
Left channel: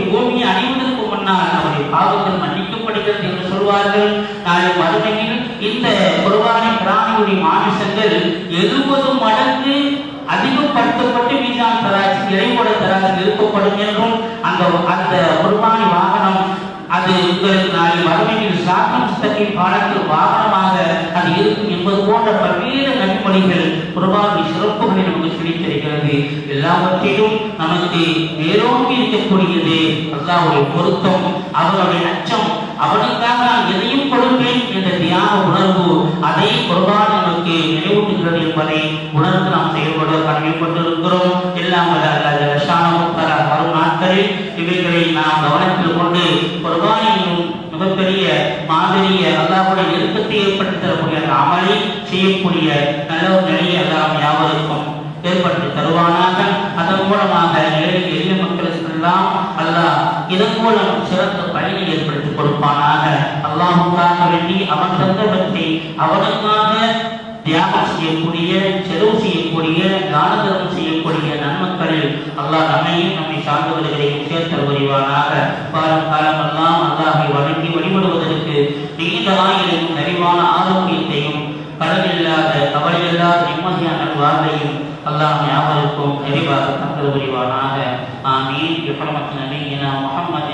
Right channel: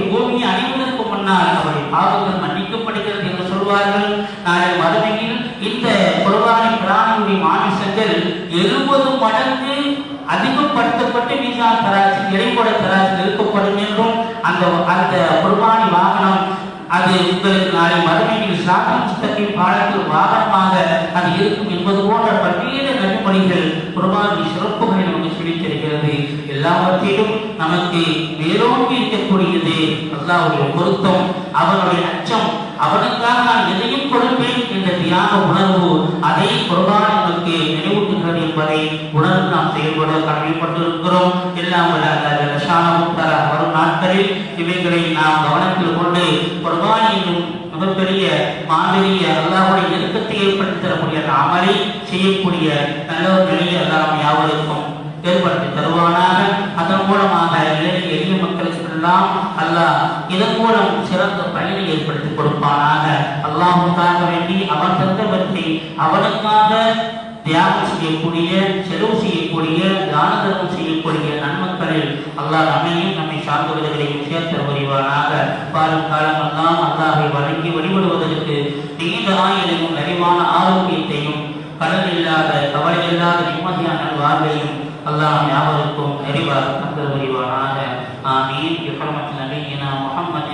இறைவோட தராசில் இருக்கப்படும் என்றும் அந்த அந்த குர்பானி வாகனம் அது உங்களுக்கு நாளை மறுமையில் சாப்பின் சித்தத்தின் பாடத்தில் வாகனமாக அது இருக்கும் என்பது போன்ற பல்வேறு நன்மொழிகள் குர்பானி சிறப்புகளை நமக்கு கிடைத்திருக்கிறது. எல்லாவற்றிலும் நமக்கு வேரோங்கி இருக்கக்கூடியது அல்லாஹ்வுடைய பொருத்தம், அவனுடைய அச்சம், அவனுக்காக நான் எதையும் கொடுப்பேன் என்ற தியாக உணர்வு, அதை குர்பான் நமக்கு நினைவூட்டுகிறது என்பதை உணர்ந்து நாம் செயல்பட கடமைப்பட்டிருக்கிறோம். எல்லாம் வரும் நாட்களில் இவைகளை நாம் கவனத்தில் கொண்டு குர்பான் என்னும் மிகப்பெரிய மாபெரிய அல்லாஹ்வுடைய நெருக்கத்தை ஏற்படுத்தி தரக்கூடிய அமலை செய்யக்கூடிய நல்ல நிலையை அல்லாஹ் யாவருக்கும் ஏற்படுத்தி தருவானாக. அதன் மூலமாக ஏழை எளிய மக்களுக்கு எல்லாம் அல்லாஹ் இதன் மூலம் சிறந்த பயனை ஏற்படுத்தி கொடுப்பானாக. அல்லாஹ்வுக்காக வேண்டி அவன் தந்தவற்றை அவனுக்காக தியாகம் செய்யக்கூடிய, செலவு செய்யக்கூடிய, தான தர்மம் செய்யக்கூடிய நன்மக்களில் அல்லாஹ் நம்மையும் நம்மை சார்ந்தவர்களையும் சேர்த்து வருவானாக. வாரம் காலமெல்லாம் அல்லாஹை வணங்கி வழிபடுவதற்கு நீண்ட ஆயுளையும் நிறைவான ஆரோக்கியத்தையும் கடன் இல்லாத கவலை இல்லாத நிம்மதியான வாழ்வையும் அல்லாஹ் யாவருக்கும் நிறைவாக தந்து வருவானாக. ஆமீன். بحرمة نبينا محمد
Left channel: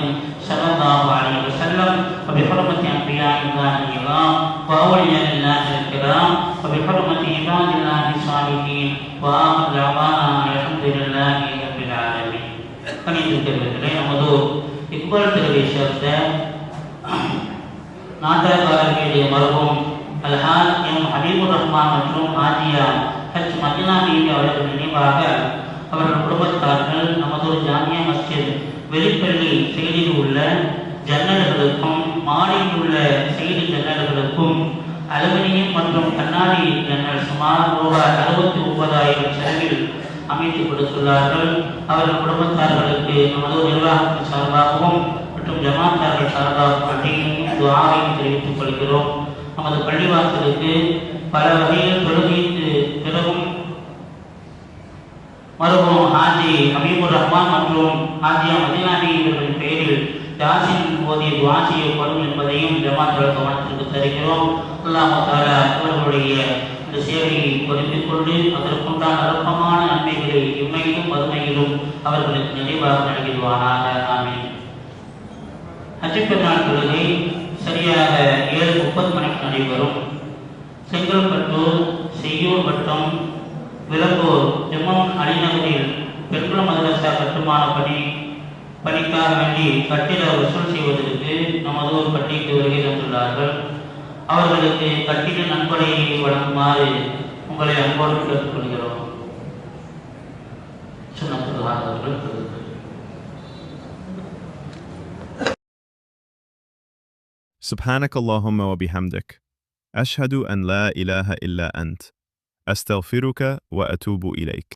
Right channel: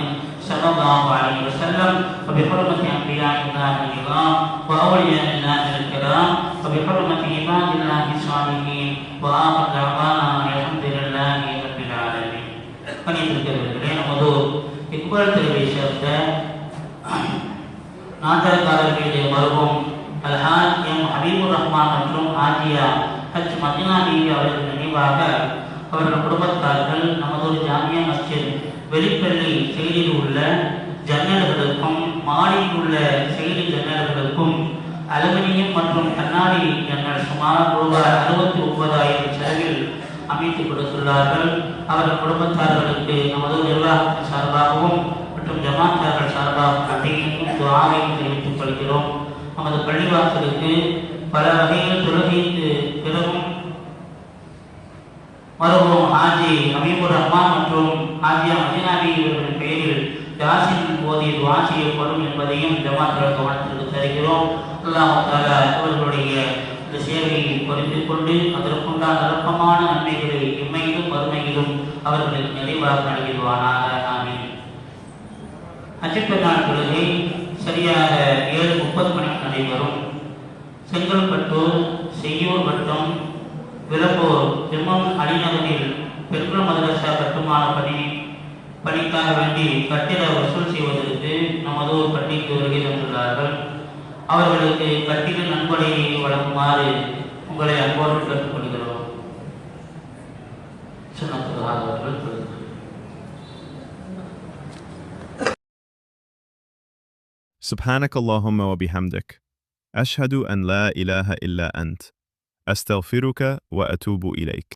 صلى الله عليه وسلم وبحرمة أنبياء الله الكرام وأولياء الله الكرام وبحرمة عباد الله الصالحين وآخر دعوانا الحمد لله رب العالمين. கணிதத்திலே நமது இக்பால் தெருவை சேர்ந்த நாடகக்காரர்களுடைய மருகும் அல்ஹாஜ் எம் ஹபீபுர் ரஹ்மான் மற்றும் ஹாஜியா ஹஜ் மதினா பீவி அவர்கள் நினைவாக அவர்கள் குடும்பத்தார்கள் நமது ஜாமியா மஸ்ஜித் வெளிப்பள்ளி செய்தியில் உள்ள ஜன்னல்களுக்கும் மாடியில் உள்ள செய்தி ஜன்னல்களுக்கும் அலுமினியம் மற்றும் கண்ணாடி ஜன்னல் சுமார் ரூபாய் 69,000 செலவில் அமைத்து கொடுத்துள்ளார்கள். அவர்கள் குடும்பத்தார்களுக்கு நமது நிர்வாகத்தின் சார்பாகவும் மற்றும் ஜமாத்தார்கள் சார்பாகவும் நன்றியையும் துஆவையும் தெரிவித்துக் கொள்கிறோம். நமது பள்ளிவாசலுக்கு பல வகையில் தொழுகைக்கு பிறகும் மருமகன் ஹாஜி ஹபீபுர் ரஹ்மான் மற்றும் ஹாஜியா மதினா பீவி இவர்களின் பெயரில் யாசின் ஓதி துஆ செய்யப்படும் என்பதையும் ஜமாத்துடைய கவனத்திற்கு தருகிறோம். அல்லாஹ் தஆலா அவர்களுடைய இந்த சேவையை பொறுத்துக் கொண்டு அதற்குண்டான அற்பமான நன்மைகளை இம்மையிலும் மறுமையிலும் அவர்களுக்கு நிறைவாக நல்கிடுவானாக. ஆமீன். ஹஜ் பெருநாள் தொழுகை சரியாக 7:30 மணிக்கு நடைபெறும். செங்கல்பட்டூர், செய்யூர் வட்டம், விளம்பூர் ஜமாம் அலிநகரில் பெட்ரோல் மதரசா கட்டுமான பணிக்காக வேண்டி கட்டிட வசூல் செய்வதற்கு நமது ஒரு பள்ளிக்கு வருகை தந்துள்ளார்கள். அவர்களுக்கு கட்டிட நன்கொடையை வழங்குமாறு உங்களை அன்போடு கேட்டுக்கொள்கிறோம். அவர்கள் سبحانك اللهم وبحمدك أشهد أن لا إله إلا أنت أستغفرك وأتوب إليك.